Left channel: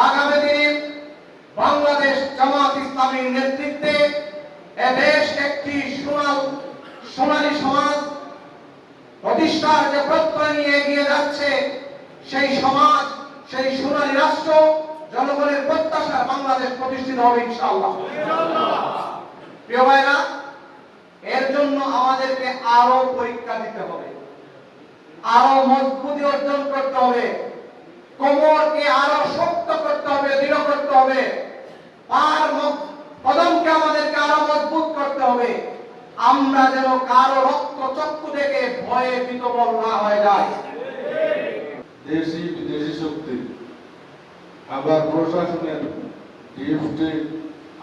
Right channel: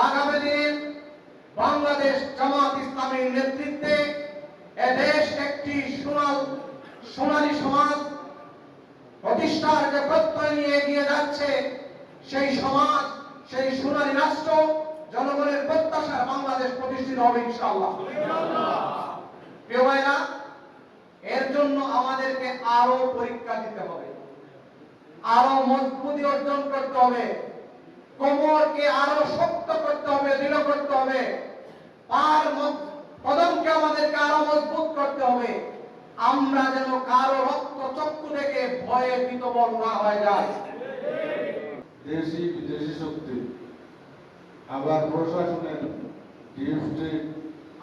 আগামী দিনে বাংলাদেশ জামাত ইসলামীর নেতৃত্বে এদেশ একটি সোনালী সমাজ প্রতিষ্ঠার যে প্রত্যয় নিয়ে এগিয়ে যাচ্ছে, সেই সমাজ, সেই সোনালী রাষ্ট্র, জনগণের প্রত্যাশা বাংলাদেশ প্রতিষ্ঠিত হবে ইনশাআল্লাহ। প্রিয় ভাইরা, এর জন্য আমাদেরকে আরো পরীক্ষা দিতে হবে, আরো মজবুতি অর্জন করতে হবে, কোমরকে আরো শক্ত করতে হবে, দৃঢ় করতে হবে, কদমকে আমাদেরকে আরো মজবুত করতে হবে। আমরা যেন কারো রক্ত চক্ষু দেখে ভয়ে বিতবল না হয়ে যায়। দেশি বিদেশি শক্তি, আবার প্রশাসনের ডিএফটি,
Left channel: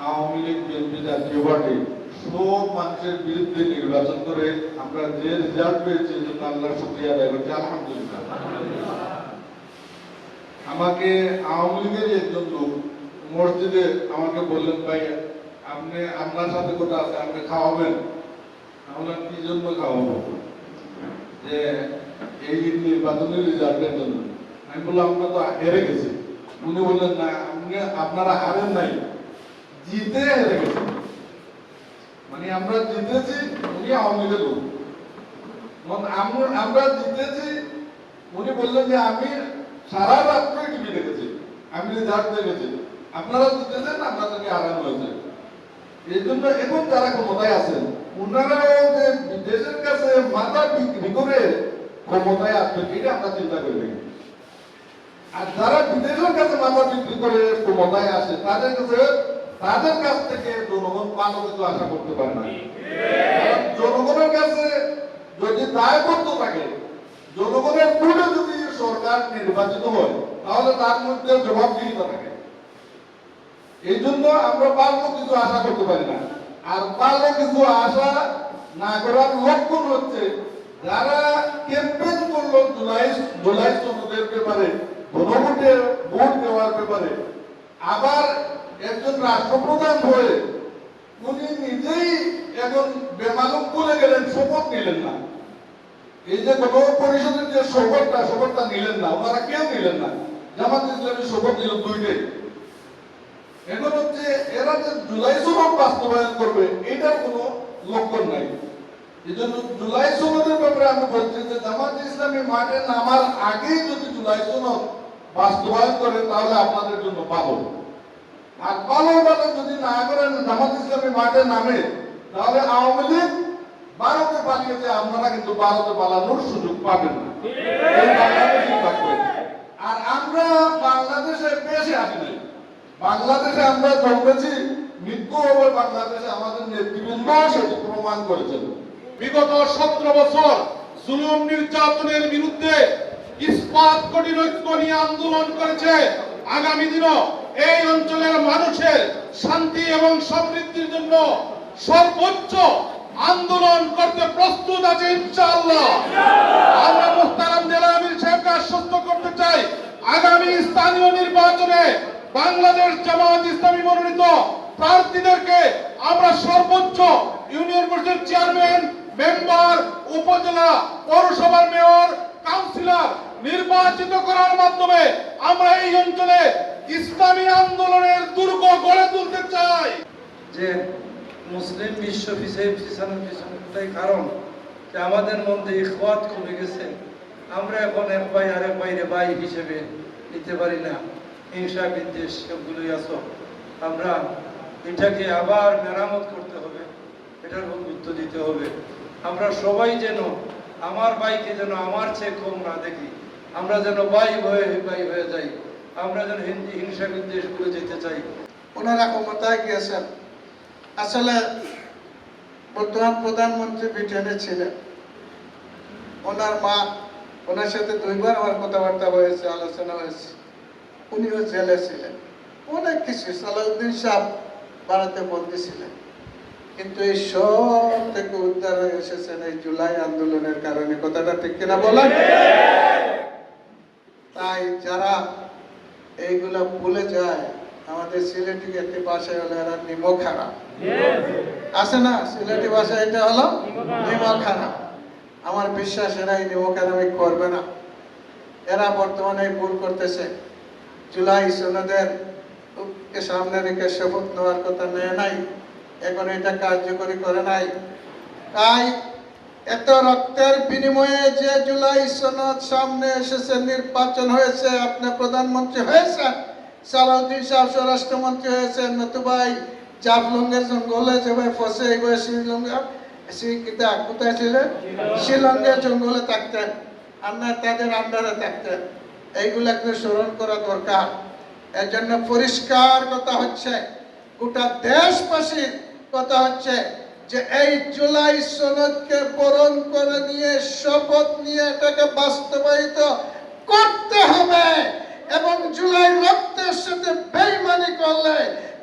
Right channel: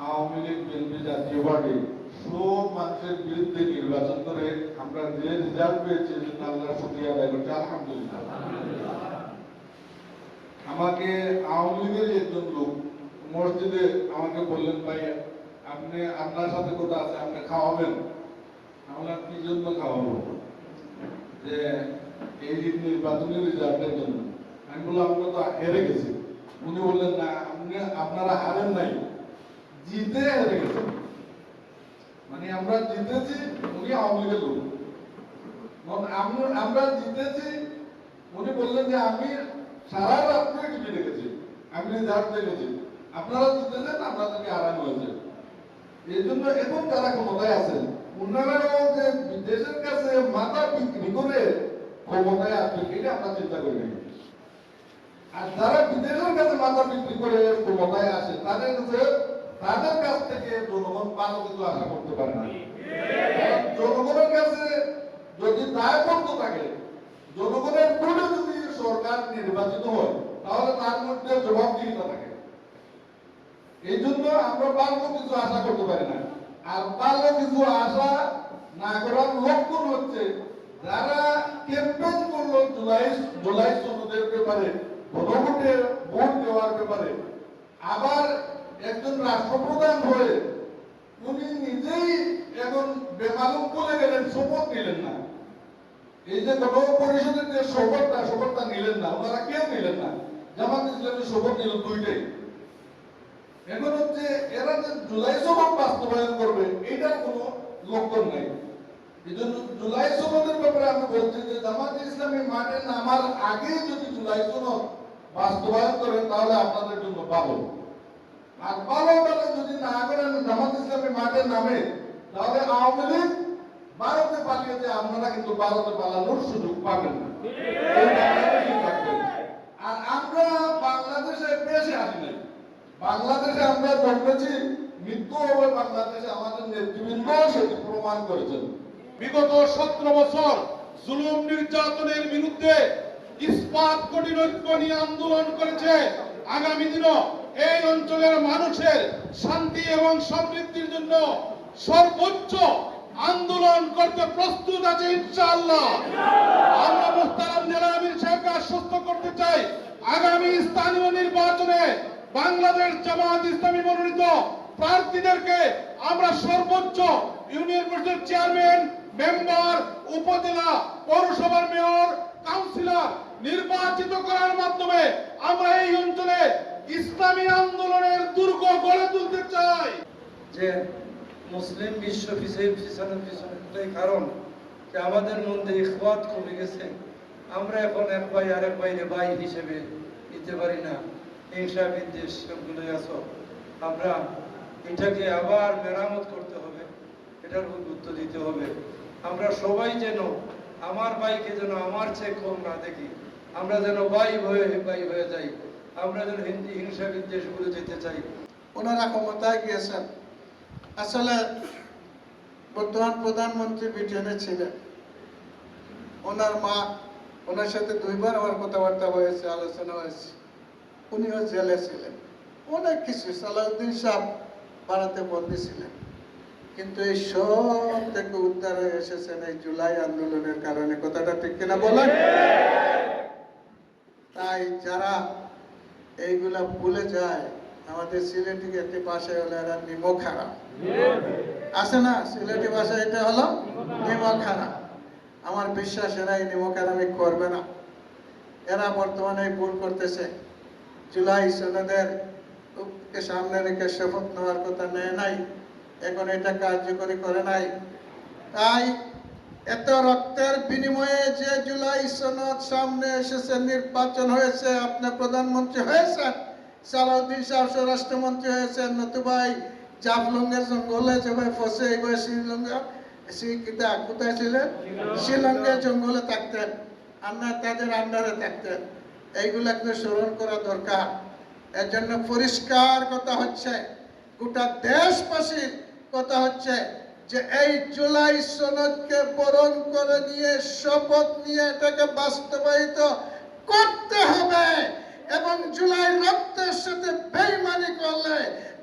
আওয়ামী লীগ, বিএনপি, জাতীয় পার্টি সব মানুষের বিরুদ্ধে নির্বাচন করে আমরা যে রেজাল্ট পেয়েছি, সেজন্য আল্লাহর শুকরিয়া আদায় করছি, আলহামদুলিল্লাহ। আমাকে আওয়ামী লীগের একজন লোক মসজিদে আমাকে বললেন, ভাই আপনি আপনার সাথে কথা আছে, আপনি খাওয়াবেন? আমরা কি জন্য খাওয়াবো? যে এই নির্বাচনের রেজাল্টের জন্য। আমি বললাম আমরা তো হেরে গেছি। উনি বললেন না, আপনারা হারেন নাই, জিতে হেরে গেছেন। মানে আমরা জিতেছি, উনি আওয়ামী লীগের লোক, আমরা জিতেছি। উনি বললেন যে আমি সারা রাত্র টিভি দেখেছি, আমি রেজাল্ট দেখেছি, আপনারা জিতেছেন, আপনাদেরকে হারানো হয়েছে। এই জন্য এখন যারা ক্ষমতায় আছেন, ওনারাও যে দেশের কাছে মাথা বিক্রি করে ক্ষমতায় আসবেন, এটা আমরা চিন্তা করি। আর যারা বিদেশের কাছে মাথা বিক্রি করে ক্ষমতায় আসে, তাদের কাছ থেকে জনগণ ভালো কিছু আশা করতে পারে না। জনগণের কাছে যদি দায়বদ্ধ থাকে, জনগণের ভোটে যদি সরকার নির্বাচিত হয়, তাহলে তার মধ্যে জবাবদিহিতা থাকে। এই জন্য আমরা ভালো কিছু আশা করতে পারি না। আর ভালো কিছু আশা না করার লক্ষণ হচ্ছে যারা ক্যাম্পেইন করলো জুলাই সনদের ব্যাপারে, গণভোটে ভোট দেওয়ার ব্যাপারে, আবার একজন রাষ্ট্রপ্রধান হয়ে উনি নিজেই এখন বেমালুম বলে গেলেন, শপথ নিলেন না। এই যে গণ পরিষদের যে শপথটা নিলেন না, ওনারা কেউ নিলেন না। জামাত ইসলামের শপথ নিল দুইটাই। এখন হচ্ছে এরা যে জুলাই সনদ বাস্তবায়ন করবে, এটার কোনো লক্ষণ নাই। এই জন্য জুলাই সনদের ব্যাপারে আমি বলছি যে জামাত ইসলামী মাঠে নামার আগেই যদি জুলাই সনদ বাস্তবায়ন করেন, তাহলে আপনাদের জন্য ভালো। আর ভালো যদি না করেন, জামাত ইসলামী মাঠে নামে, তাহলে আওয়ামী লীগ ভারতে পালিয়েছে, আপনারা কিন্তু ভারতে পালানোর সুযোগ পাবেন না। এই বাংলাদেশই থাকবেন। আর আমরা বাংলাদেশে বেশি আসি নাই, বাংলাদেশে আমরা জন্মেছি, মৃত্যু হবে বাংলাদেশে। আমাদের নেতৃবৃন্দ সেটি প্রমাণ করেছেন। বিগত 17 বছর জুলুম নির্যাতনের বিরুদ্ধে ইস্পাত কঠিন ঐক্য নিয়ে আন্দোলন করেছে। আগামী দিনও এই অঞ্চলের মানুষের শান্তি এবং সমৃদ্ধির জন্য সর্বোচ্চ আন্দোলন করতে প্রস্তুত আছে ইনশাআল্লাহ। আমরা মুহতারাম জেলা আমির সাহেবকে আশ্বস্ত করতে চাই, আগামী স্থানীয় নির্বাচনে বাংলাদেশ জামাত ইসলামী মনোনীত প্রার্থীদেরকে আমরা সর্বোচ্চ ইউনিয়ন পরিষদ চেয়ারম্যান, মেম্বার, উপজেলা, পৌরসভার মেয়র, কাউন্সিলর নির্বাচিত করার মাধ্যমে আমরা এই অঞ্চলে ইসলামী আন্দোলনের দুর্গ গড়ে তুলতে চাই। যে মুসলিম বিশ্ব পিছানোটাই কারণ যে আমাদের মধ্যে ইখওয়াত কমে গেছে। আমরা এখন এক ভাই আরেক ভাইরে ভাই হিসেবে নিতে পারি না, হিংসা বিদ্বেষ সবগুলোই আছে। আমরা এটাকে আবার মেরামত করতে হবে, এটার উপর গুরুত্ব দিতে হবে। আমরা সবাই যেন আমার ভাইকে যেন আমার চেয়ে কম না দেখি, আমরা যেন ভাই হয়ে যাই, আমরা যেন হিংসা বিদ্বেষ ভুলে যেতে চাই। ওনারা ক্ষমতায় গিয়েছেন, আসলে বর্তমান প্রধানমন্ত্রী ব্রিটেনে ছিলেন, ওনার মা, ওনার সাথে 2 বার আমার কথাবার্তা হয়েছে, আলোচনা হয়েছে। উনিও জেলে ছিলেন, অনেক কিছু। সালাউদ্দিন সাহেব ভারতে বন্দী ছিলেন, কিন্তু এই সব থেকে উদ্ধার হয়ে এসেছেন এই জুলাই আন্দোলনের কারণে। কথাটা ঠিক কিনা বলেন? তাই যারা এইগুলা ভুলে যায়, আমাদের সিলেটি একটি ভাষায় হলো এরা নিমখানা আছে না, সিলেটি ভাষায় এটা হলো নিমখানা। আমার বিশ্বাস এরা এই নিমখানামি করবে না। এরা বর্তমানে ভুল করতেছে, জুলাই সনদের কে সামনে রেখে শপথ নেওয়ার কথা নেয় নাই, এখন এটা কার্যকরী করে নাই। তাই এত রক্তের বিনিময়ে যে জুলাই সনদ সামনে এসেছে, নির্বাচন হয়েছে, আপনি প্রধানমন্ত্রী হয়েছেন, সালাউদ্দিন সাহেব স্বরাষ্ট্রমন্ত্রী হয়েছেন, নতুবাই জাফলংয়ের জঙ্গলে যেভাবে ফসে এইভাবে কোথায় ছিলেন, শিলংয়ের জঙ্গলে থাকতেন, আর না তাদের আন্ডারে থাকতেন। এইগুলাকে স্মরণ করা দরকার। এর জন্য পরিষ্কার কথা হচ্ছে, গোটা দেশবাসীর কথা হচ্ছে যে এই জুলাই সনদকে বরণ করে নিয়ে শপথ নিয়ে এটাকে বাস্তবায়িত করতে হবে, এবং জুলাই রক্তের সাথে বেইমানি করলে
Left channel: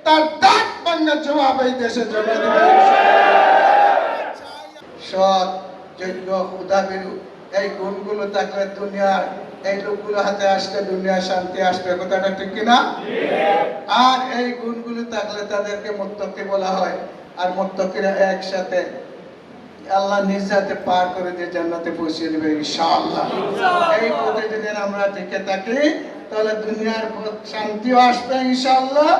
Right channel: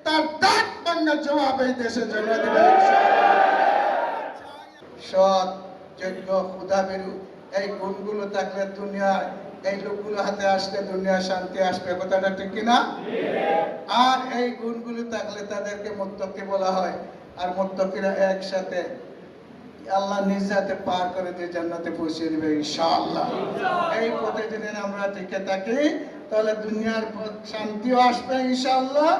তার দাঁত ভাঙা জবাব এই দেশের জন্য দেবে। সৎ, যোগ্য, ক্ষুধাভীরু এই গুণগুলো থাকলে দুনিয়ার এই লোকগুলো হাতে আসলে দুনিয়া শান্তি আসবে, কথাটা ঠিক কিনা? আর এই গুণগুলো থাকলে তাদেরকে মুত্তাকি বলা হয়, আর মুত্তাকিরা একসাথে আল্লাহ নিজ হাতে পার করে দিয়ে জান্নাতে পৌঁছে দেবে ইনশাআল্লাহ। এই পথে যদি আমরা টিকে থাকি তাহলে দুনিয়ার শান্তিও আসবে ইনশাআল্লাহ,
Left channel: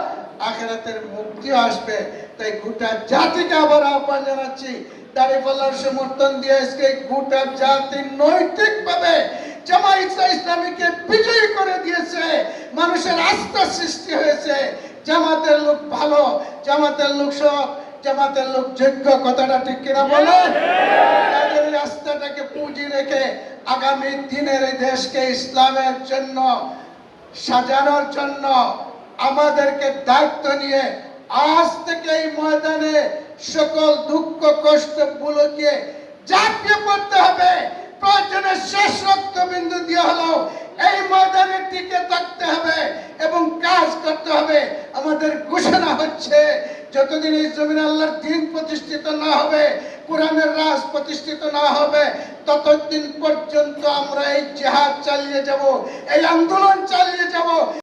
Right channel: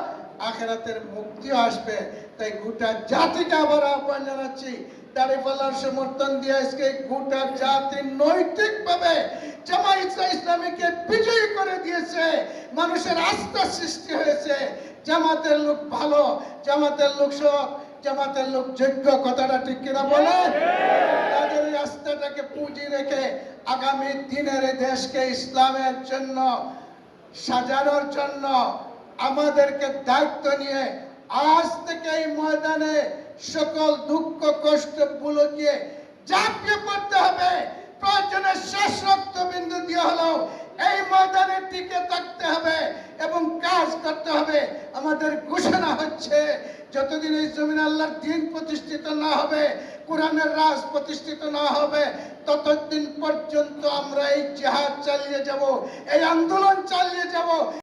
আখিরাতের মুক্তিও আসবে। তাই গোটা জাতিকে আবার আহ্বান জানাচ্ছি, দাঁড়িপাল্লার সমর্থন দিয়ে আজকে গোটা জাতি নৈতিকভাবে জামায়াতে ইসলামীকে বিজয়ী করে দিয়েছে, মানুষের আস্থা সৃষ্টি হয়েছে। জামাতের লোক ভালো, জামাতের লোক সৎ, জামাতের লোক যোগ্য, কথাটা ঠিক কিনা বলেন? তাদের এই আস্থাটাকে পুঁজি রেখে আগামী দিনের এই দেশকে ইসলামের জন্য সাজানোর জন্য আমাদেরকে দায়িত্ব নিয়ে আজ থেকে এই ময়দানে সকল দুঃখ কষ্ট গুলোকে ঝাঁপিয়ে পড়তে হবে। প্রয়োজনে শেষ রক্তবিন্দু দিয়ে হলেও এই ময়দানে টিকে থাকতে হবে এবং কাজ করতে হবে। আমাদের ঘোষণা হচ্ছে, যতদিন এই জমিনে আল্লাহর দ্বীন প্রতিষ্ঠিত না হবে, কোরআনের রাজ প্রতিষ্ঠিত না হবে, ততদিন পর্যন্ত আমরা এই জিহাদ চালিয়ে যাব, এই আন্দোলন চালিয়ে যাব।